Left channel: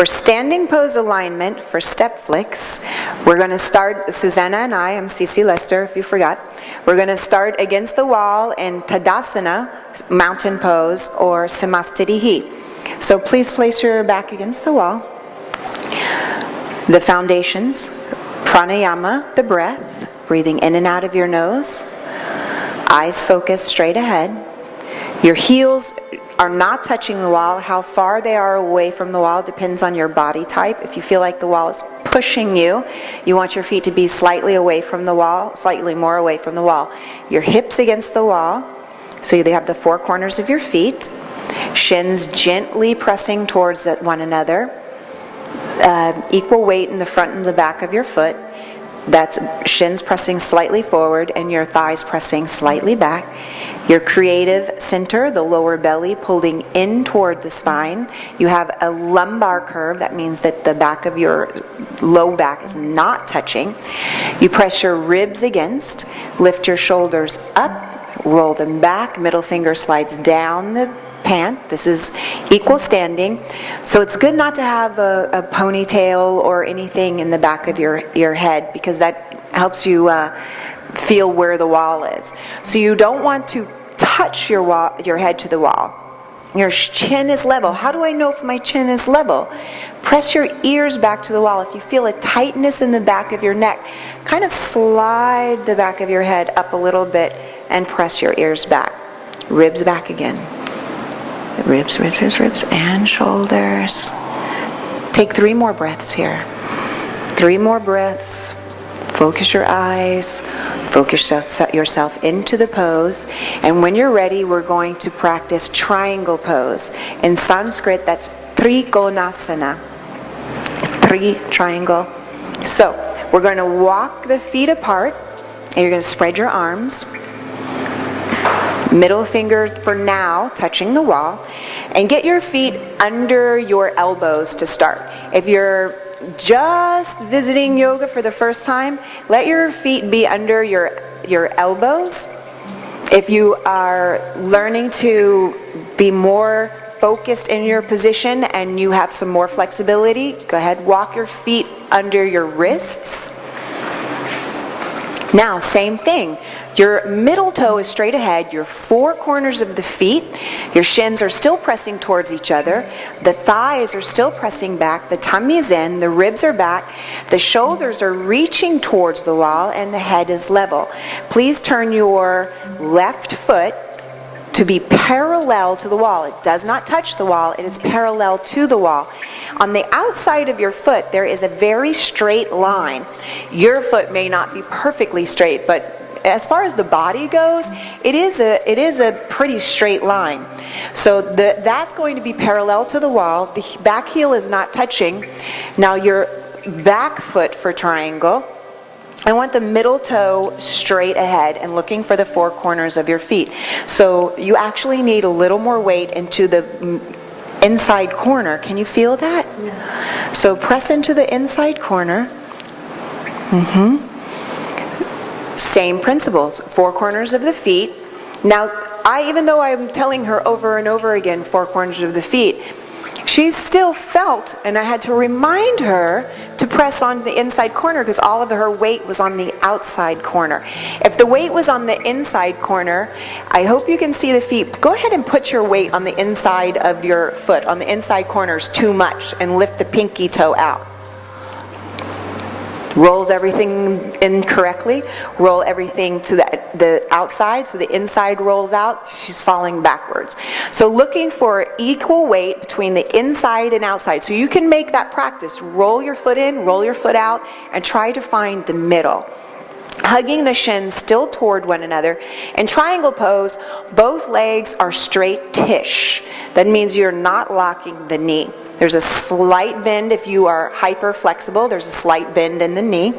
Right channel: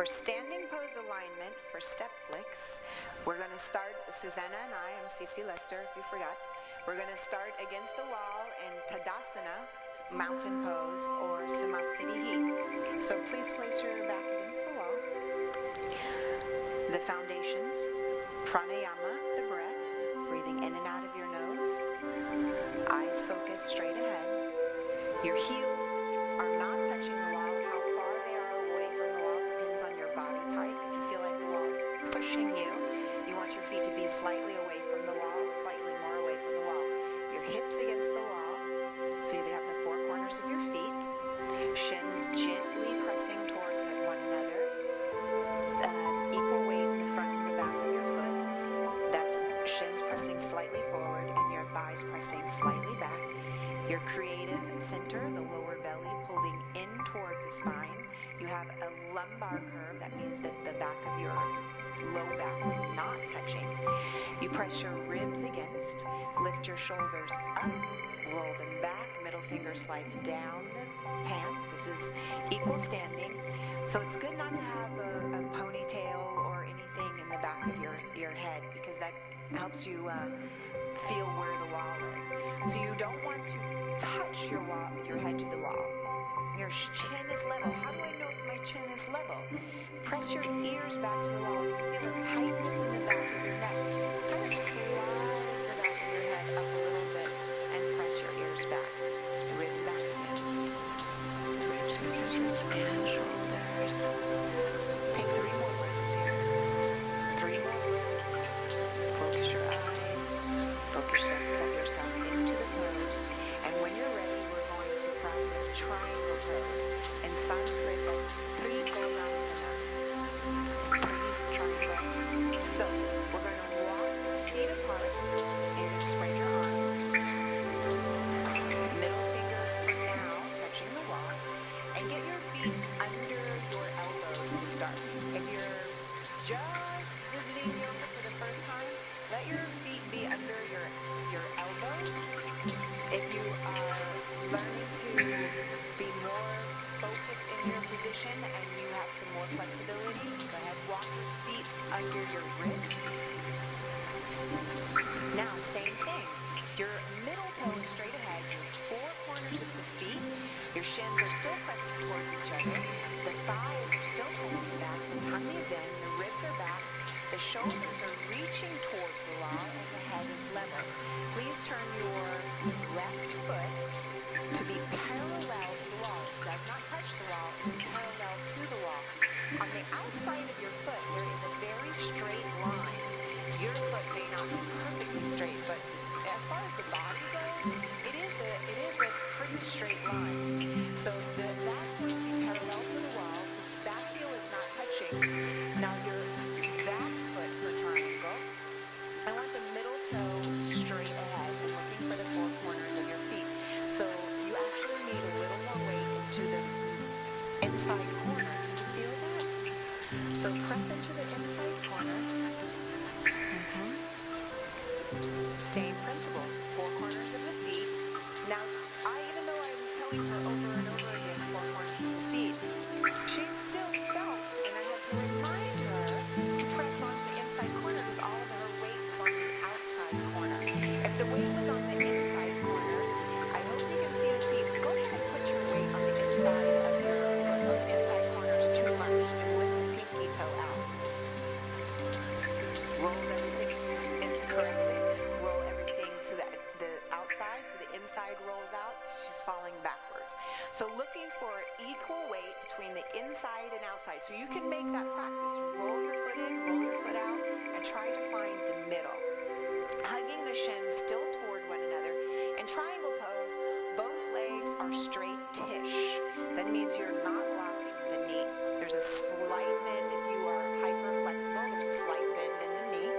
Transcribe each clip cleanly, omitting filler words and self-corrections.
For standing pose alignment for StepFlix, we're going to start, Susanna and I'm Cece Lester, if you forgot. We're going to start against the wall in Tadasana, mountain pose, or Samastitihi. So please place your back against the wall. The foundations, pranayama, the breath, breathing in and out of your nose. Eyes focused straight ahead. Your heels are not touching the wall. How far they are away from the wall depends on your body type. If you feel like the wall is pushing you, you want your feet to be slightly away from the wall, slightly more away from the wall. Your hips against the wall, so you have the four corners of your feet. Shins gently pressing towards one another. Equal weight in the front and the back of your foot. That's shins pressing slightly forward and your thighs pressing slightly back. Your creative center, the lower belly, pulling in toward the spine. You have a lumbar curve. That means that the back of your low back is not touching. You press your ribs against, lift your shoulders up, roll them back, middle finger slides down the pant. This is equal standing. So it's good not to have a ponytail or anything in the back of your head, because that helps you feel where the wall is. So you don't want to touch your head to the wall. Your chin is level. How do I know if my chin is level? Press your ears back to the wall. If you feel a tightness in the back of your neck, kind of slide the back of your head up a little bit and press your ears back. Ribs back again. Ribs, ribs, ribs, ribs, and shoulders. Take 3 more breaths here. 3 more breaths. Focus your eyes. Focus yourself into the pose. And when you're ready, we're going to practice triangle pose. In Sanskrit, that's Trikonasana. 3 triangle. So we're going to walk the feet apart, and you're going to spread your arms. Middle finger for now touching the wall, and get your feet under your elbows to start. If you're just visiting yoga for the first time, let your feet be under your elbows. If you are learning to be more focused in your position and you have some more flexibility, go ahead, walk your feet under your wrists. Now, same thing. Your middle toe is straight ahead, your 4 corners of the feet, your shins are still pressing towards each other, the thighs are still pressing back, the tummy is in, the ribs are back, the shoulders are reaching towards the wall, and the head is level. Please turn your left foot to be parallel to the wall. It does not touch the wall, it is parallel to the wall. On the outside of your foot, there is a very straight line. Your foot may not be perfectly straight, but as far as the body goes, it is a pretty straight line. So that's going to be parallel to the wall. The back heel is not touching. Now your back foot for triangle, I want the middle toe straight ahead and looking for the 4 corners of your feet. So you actually need a little more weight into the inside corner. Can you feel that? Yeah. So press into the inside corner. Same principles, 4 corners of the feet. Now, even though I'm telling her over and over again, 4 corners of the feet, she still felt, and I had to remind her to press on the inside corner because all of her weight was on the outside corner. If the weight was on the inside corner, I hope you can see the feet. Go ahead and put your weight on the inside of your foot, on the inside corners too much, and lift the pinky toe out. Rolls everything in correctly, roll everything to the outside, so the inside rolls out, she's falling backwards. So looking for equal weight between the inside and outside. So you can make that practice. Roll your foot in, roll your foot out, and try to find the middle. Hugging the shins still toward one another. In triangle pose, both legs are straight-ish. That means you're not locking the knee. There's a slight bend if you are hyper flexible. There's a slight bend in the knee.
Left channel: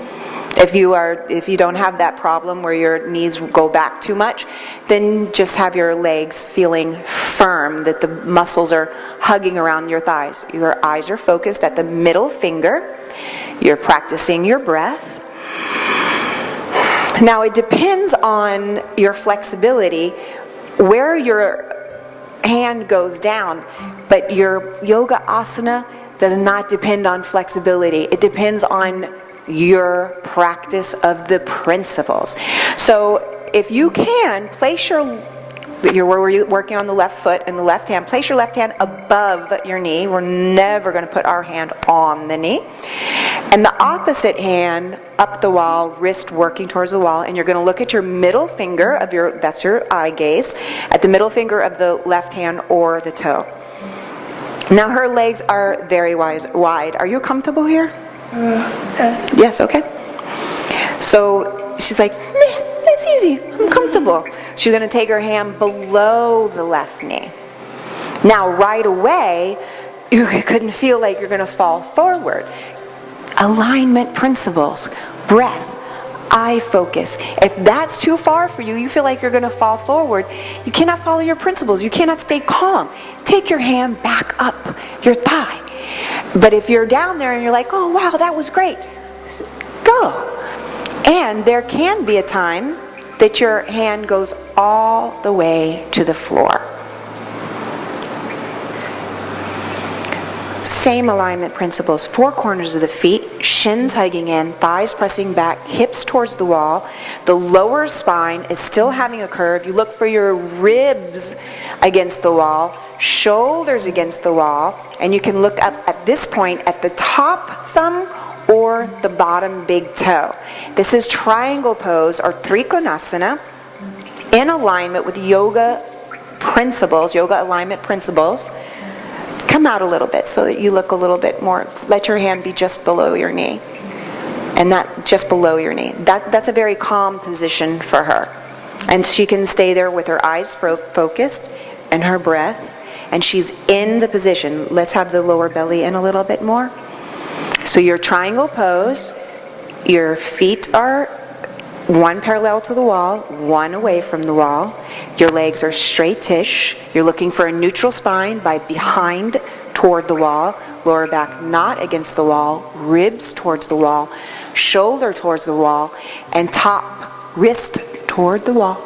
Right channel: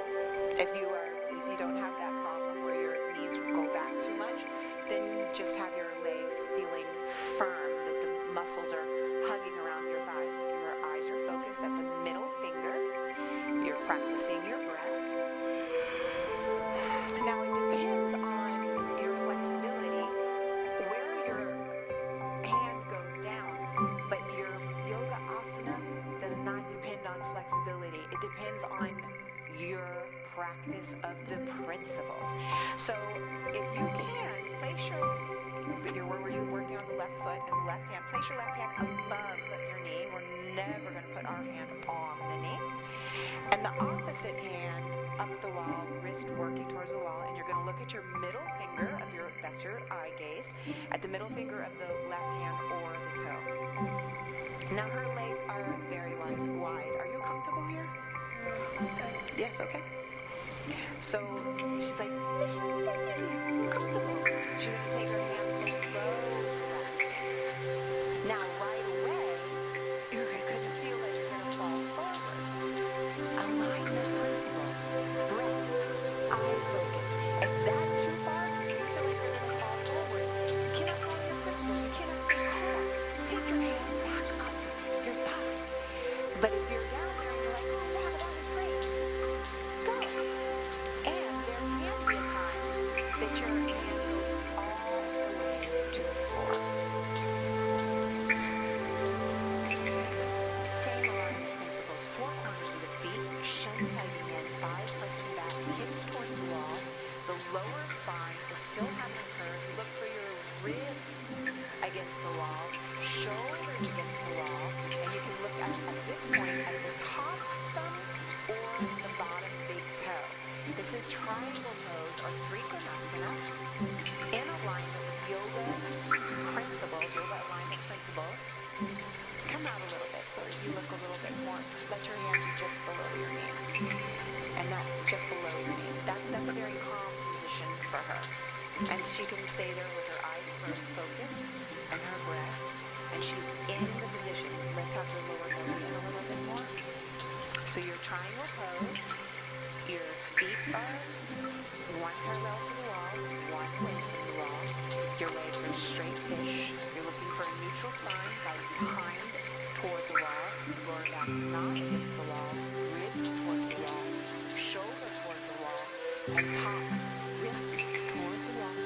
If you don't have that problem where your knees go back too much, then just have your legs feeling firm, that the muscles are hugging around your thighs. Your eyes are focused at the middle finger. You're practicing your breath. Now it depends on your flexibility where your hand goes down, but your yoga asana does not depend on flexibility. It depends on your practice of the principles. So if you can, place you're working on the left foot and the left hand, place your left hand above your knee. We're never going to put our hand on the knee. And the opposite hand up the wall, wrist working towards the wall, and you're going to look at your middle finger of that's your eye gaze, at the middle finger of the left hand or the toe. Now her legs are very wide. Are you comfortable here? Yes. Yes, okay. So she's like, meh, that's easy, I'm comfortable. She's going to take her hand below the left knee. Now right away, you couldn't feel like you're going to fall forward. Alignment principles, breath, eye focus. If that's too far for you, you feel like you're going to fall forward, you cannot follow your principles. You cannot stay calm. Take your hand back up your thigh. But if you're down there and you're like, oh wow, that was great, go. And there can be a time that your hand goes all the way to the floor. Same alignment principles, four corners of the feet, shins hugging in, thighs pressing back, hips towards the wall. The lower spine is still having a curve. You look for your ribs against the wall, shoulders against the wall, and you can look up at this point at the top thumb or the bottom big toe. This is triangle pose or Trikonasana in alignment with yoga principles, yoga alignment principles. Come out a little bit so that you look a little bit more. Let your hand be just below your knee. And that just below your knee. That's a very calm position for her. And she can stay there with her eyes focused and her breath. And she's in the position. Let's have the lower belly in a little bit more. So your triangle pose, your feet are one parallel to the wall, one away from the wall. Your legs are straight-ish. You're looking for a neutral spine by behind toward the wall, lower back not against the wall, ribs towards the wall, shoulder towards the wall, and top wrist toward the wall.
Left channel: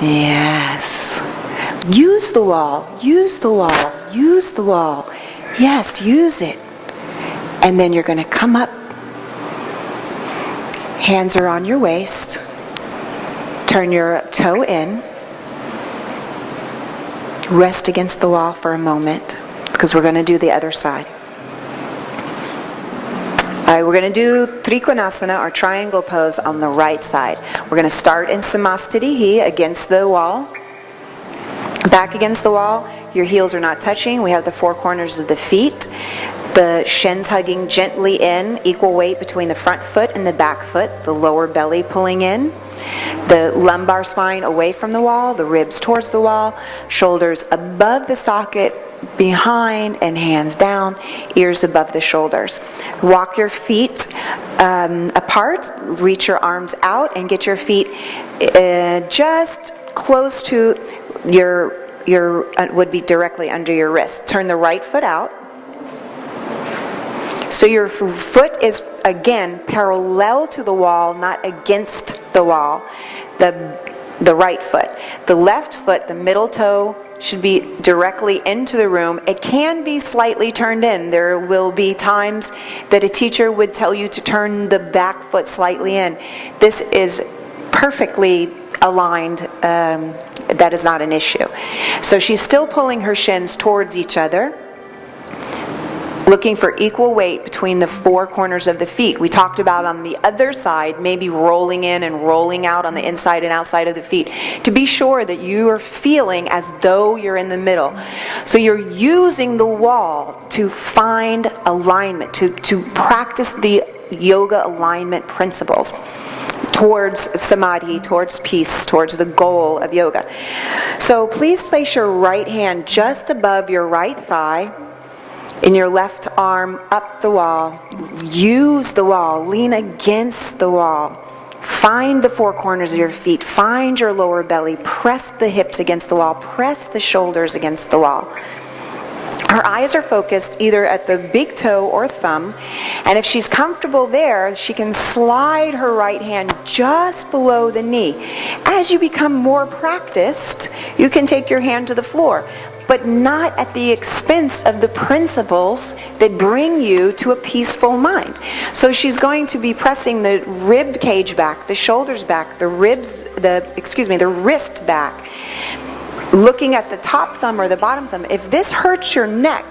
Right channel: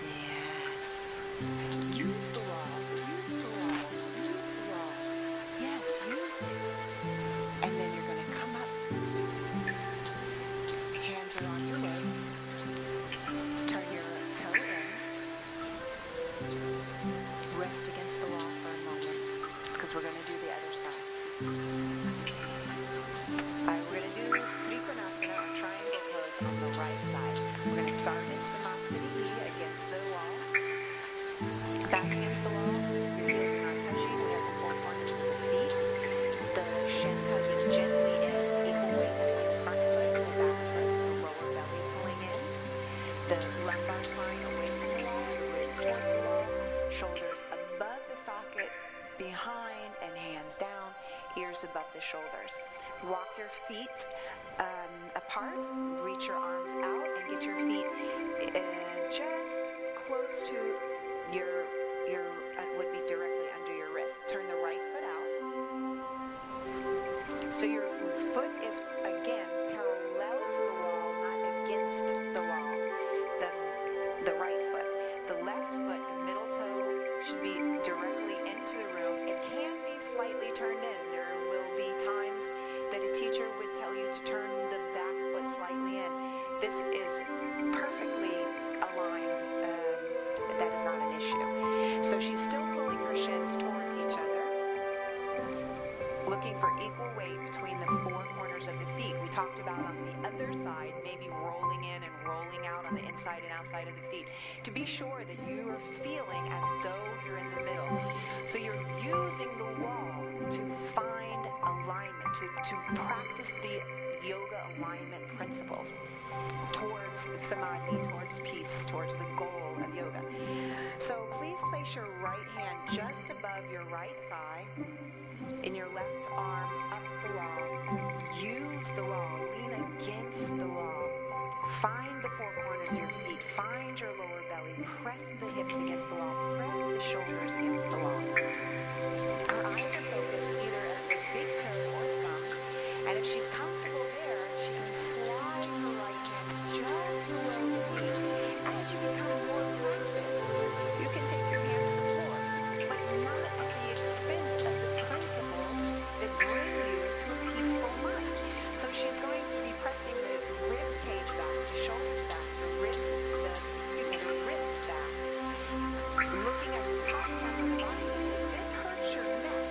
Yes. Use the wall, use the wall, use the wall. Yes, use it. And then you're going to come up. Hands are on your waist. Turn your toe in. Rest against the wall for a moment because we're going to do the other side. All right, we're going to do Trikonasana or triangle pose on the right side. We're going to start in Samastitihi against the wall. Back against the wall. Your heels are not touching. We have the four corners of the feet. The shins hugging gently in, equal weight between the front foot and the back foot, the lower belly pulling in, the lumbar spine away from the wall, the ribs towards the wall, shoulders above the socket, behind and hands down, ears above the shoulders. Walk your feet apart, reach your arms out and get your feet just close to your would be directly under your wrist. Turn the right foot out. So your foot is, again, parallel to the wall, not against the wall, the right foot. The left foot, the middle toe, should be directly into the room. It can be slightly turned in. There will be times that a teacher would tell you to turn the back foot slightly in. This is perfectly aligned. That is not an issue. So she's still pulling her shins towards each other, looking for equal weight between the four corners of the feet. We talked about on the other side, maybe rolling in and rolling out on the inside and outside of the feet, to be sure that you are feeling as though you're in the middle. So you're using the wall to find alignment, to practice the yoga alignment principles towards samadhi, towards peace, towards the goal of yoga. So please place your right hand just above your right thigh, in your left arm up the wall. Use the wall. Lean against the wall. Find the four corners of your feet. Find your lower belly. Press the hips against the wall. Press the shoulders against the wall. Her eyes are focused either at the big toe or thumb, and if she's comfortable there, she can slide her right hand just below the knee. As you become more practiced, you can take your hand to the floor. but not at the expense of the principles that bring you to a peaceful mind. So she's going to be pressing the rib cage back, the shoulders back, the wrist back, looking at the top thumb or the bottom thumb. If this hurts your neck,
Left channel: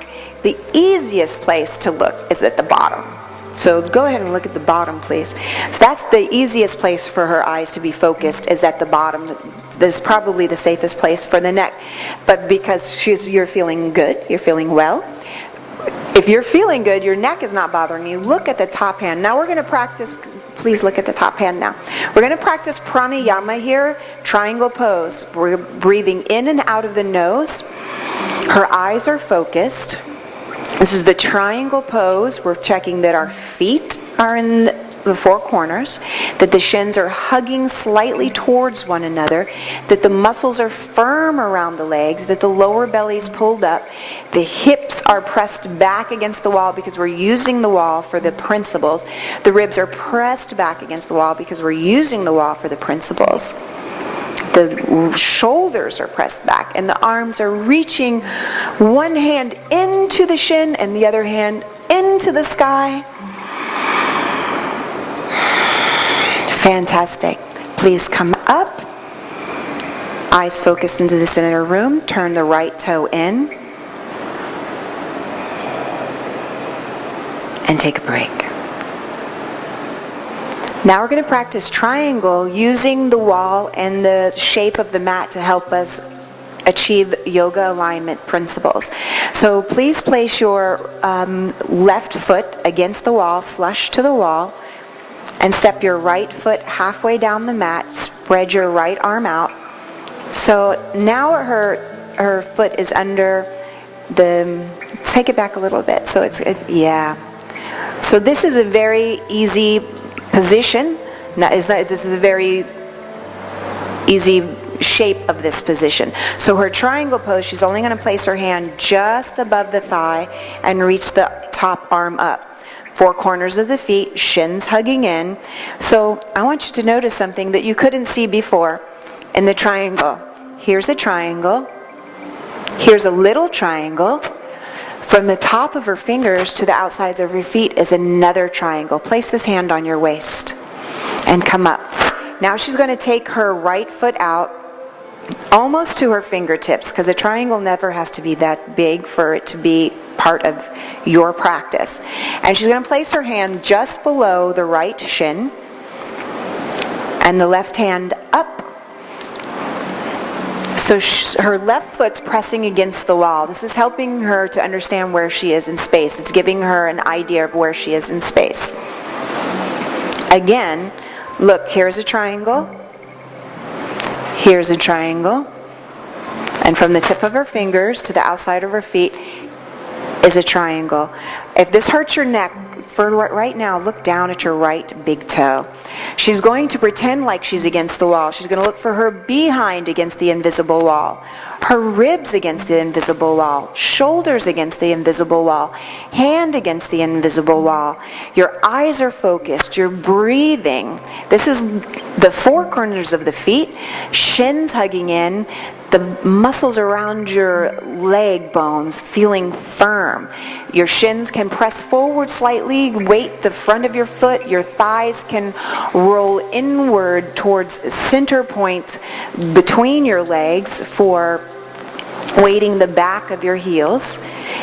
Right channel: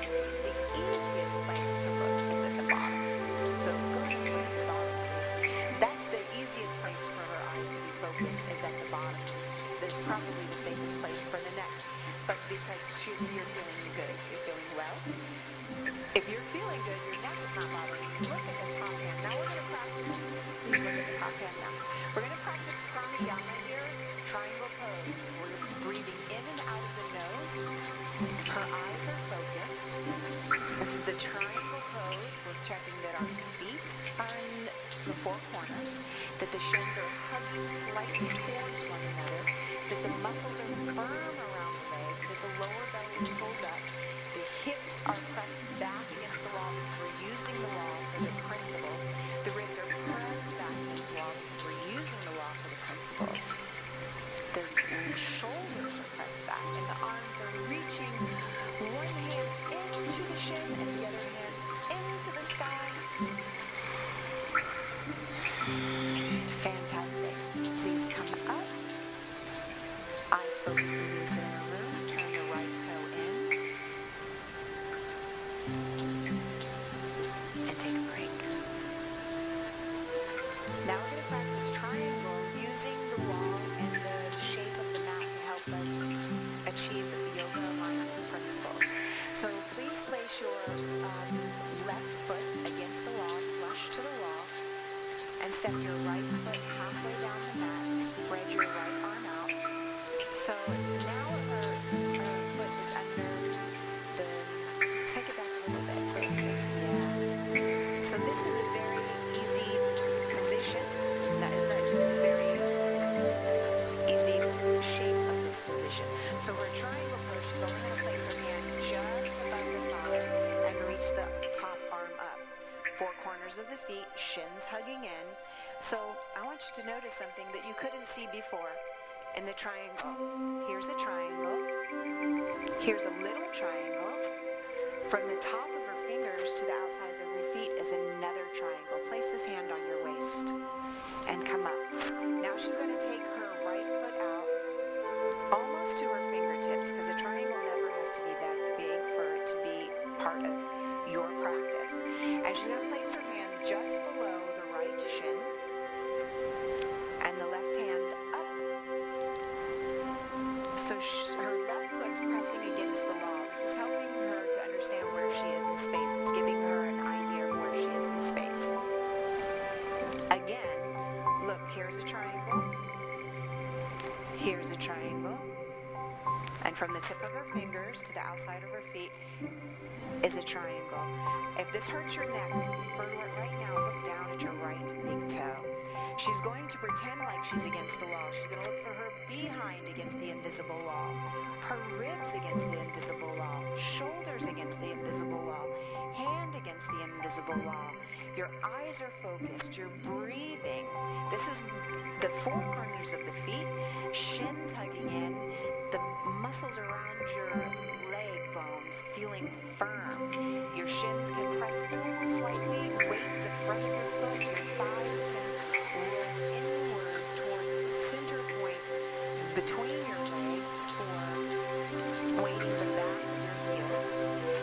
the easiest place to look is at the bottom. So go ahead and look at the bottom, please. So that's the easiest place for her eyes to be focused, is at the bottom. This is probably the safest place for the neck. But because you're feeling good, you're feeling well. If you're feeling good, your neck is not bothering you. Look at the top hand. Now we're going to practice, please look at the top hand now. We're going to practice pranayama here, triangle pose. We're breathing in and out of the nose. Her eyes are focused. This is the triangle pose. We're checking that our feet are in the four corners, that the shins are hugging slightly towards one another, that the muscles are firm around the legs, that the lower belly's pulled up, the hips are pressed back against the wall because we're using the wall for the principles. The ribs are pressed back against the wall because we're using the wall for the principles. The shoulders are pressed back and the arms are reaching one hand into the shin and the other hand into the sky. Fantastic. Please come up. Eyes focused into the center room. Turn the right toe in. And take a break. Now we're going to practice triangle using the wall and the shape of the mat to help us achieve yoga alignment principles. So please place your left foot against the wall, flush to the wall, and step your right foot halfway down the mat. Spread your right arm out. So now her foot is under the, take it back a little bit. So yeah. So this is a very easy position. This is a very easy shape of this position. So her triangle pose, she's only going to place her hand just above the thigh and reach the top arm up. Four corners of the feet, shins hugging in. So I want you to notice something that you couldn't see before in the triangle. Here's a triangle. Here's a little triangle. From the top of her fingers to the outsides of her feet is another triangle. Place this hand on your waist and come up. Now she's going to take her right foot out almost to her fingertips, because a triangle never has to be that big for it to be part of your practice. And she's going to place her hand just below the right shin and the left hand up. So her left foot's pressing against the wall. This is helping her to understand where she is in space. It's giving her an idea of where she is in space. Again, look, here's a triangle. Here's a triangle. And from the tip of her fingers to the outside of her feet is a triangle. If this hurts your neck, for right now, look down at your right big toe. She's going to pretend like she's against the wall. She's going to look for her behind against the invisible wall, her ribs against the invisible wall, shoulders against the invisible wall, hand against the invisible wall. Your eyes are focused. You're breathing. This is the four corners of the feet, shins hugging in, the muscles around your leg bones feeling firm. Your shins can press forward slightly, weight the front of your foot. Your thighs can roll inward towards center point between your legs for weighting the back of your heels.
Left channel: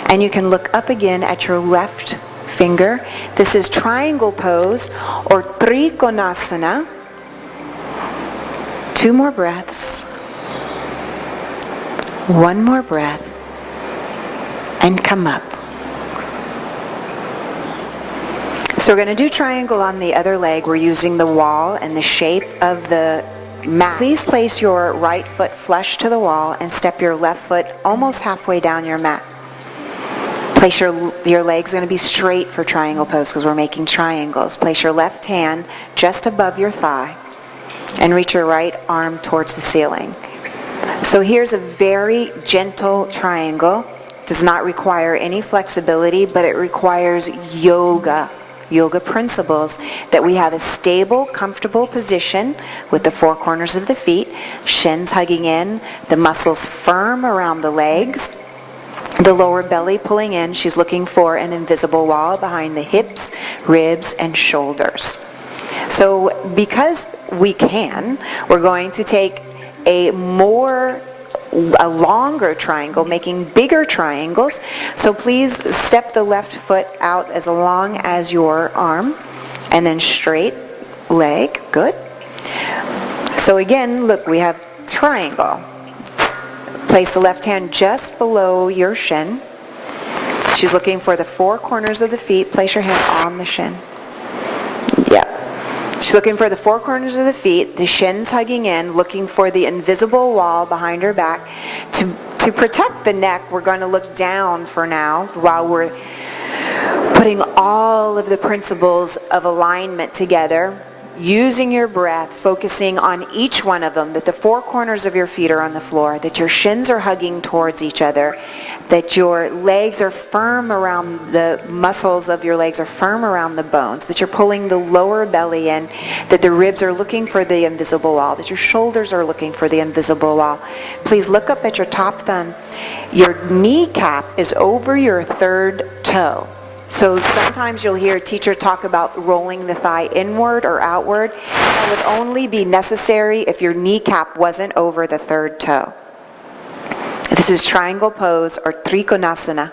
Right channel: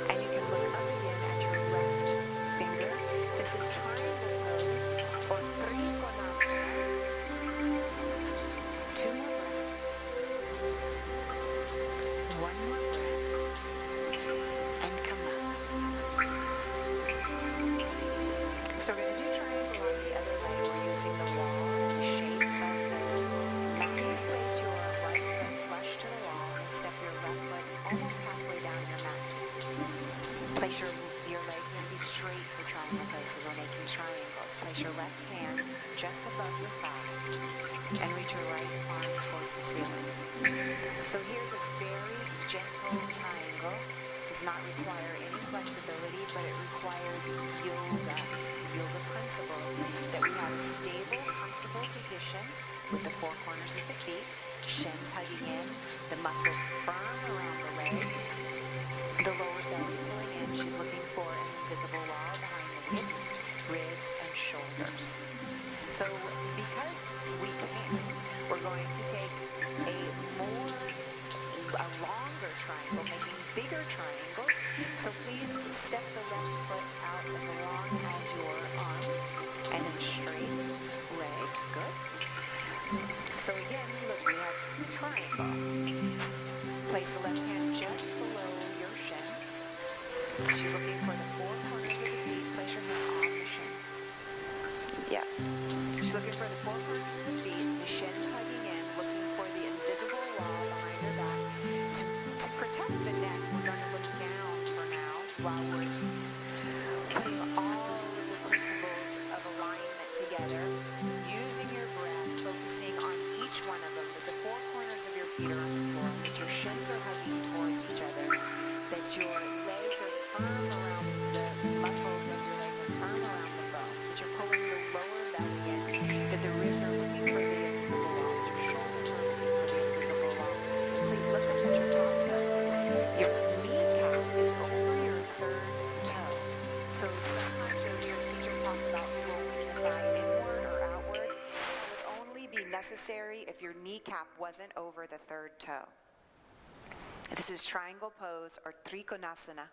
And you can look up again at your left finger. This is triangle pose or trikonasana. 2 more breaths. 1 more breath. And come up. So we're going to do triangle on the other leg. We're using the wall and the shape of the mat. Please place your right foot flush to the wall and step your left foot almost halfway down your mat. Place your legs going to be straight for triangle pose because we're making triangles. Place your left hand just above your thigh and reach your right arm towards the ceiling. So here's a very gentle triangle. It does not require any flexibility, but it requires yoga principles, that we have a stable, comfortable position with the four corners of the feet, shins hugging in, the muscles firm around the legs, The lower belly pulling in. She's looking for an invisible wall behind the hips, ribs, and shoulders. So because we can, we're going to take a longer triangle, making bigger triangles. So please step the left foot out as long as your arm, and then straight leg. Good. So again, look, we have triangle. Place the left hand just below your shin. She's looking for the four corners of the feet. Place your hand on the shin. Yeah. She's looking for the four corners of the feet, the shins hugging in, looking for the invisible wall behind her back. To protect the neck, we're going to look down for now while we're putting all of the principles of alignment together. Using your breath, focusing on each one of them, that the four corners of your feet are on the floor, that your shins are hugging towards each other, that your legs are firm around the muscles of your legs are firm around the bones, that you're pulling the lower belly in, that the ribs are looking for the invisible wall, that your shoulders are looking for the invisible wall. Please look up at your top thumb. Your kneecap is over your third toe. So sometimes you'll hear a teacher talk about rolling the thigh inward or outward. That would only be necessary if your kneecap wasn't over the third toe. This is triangle pose or Trikonasana.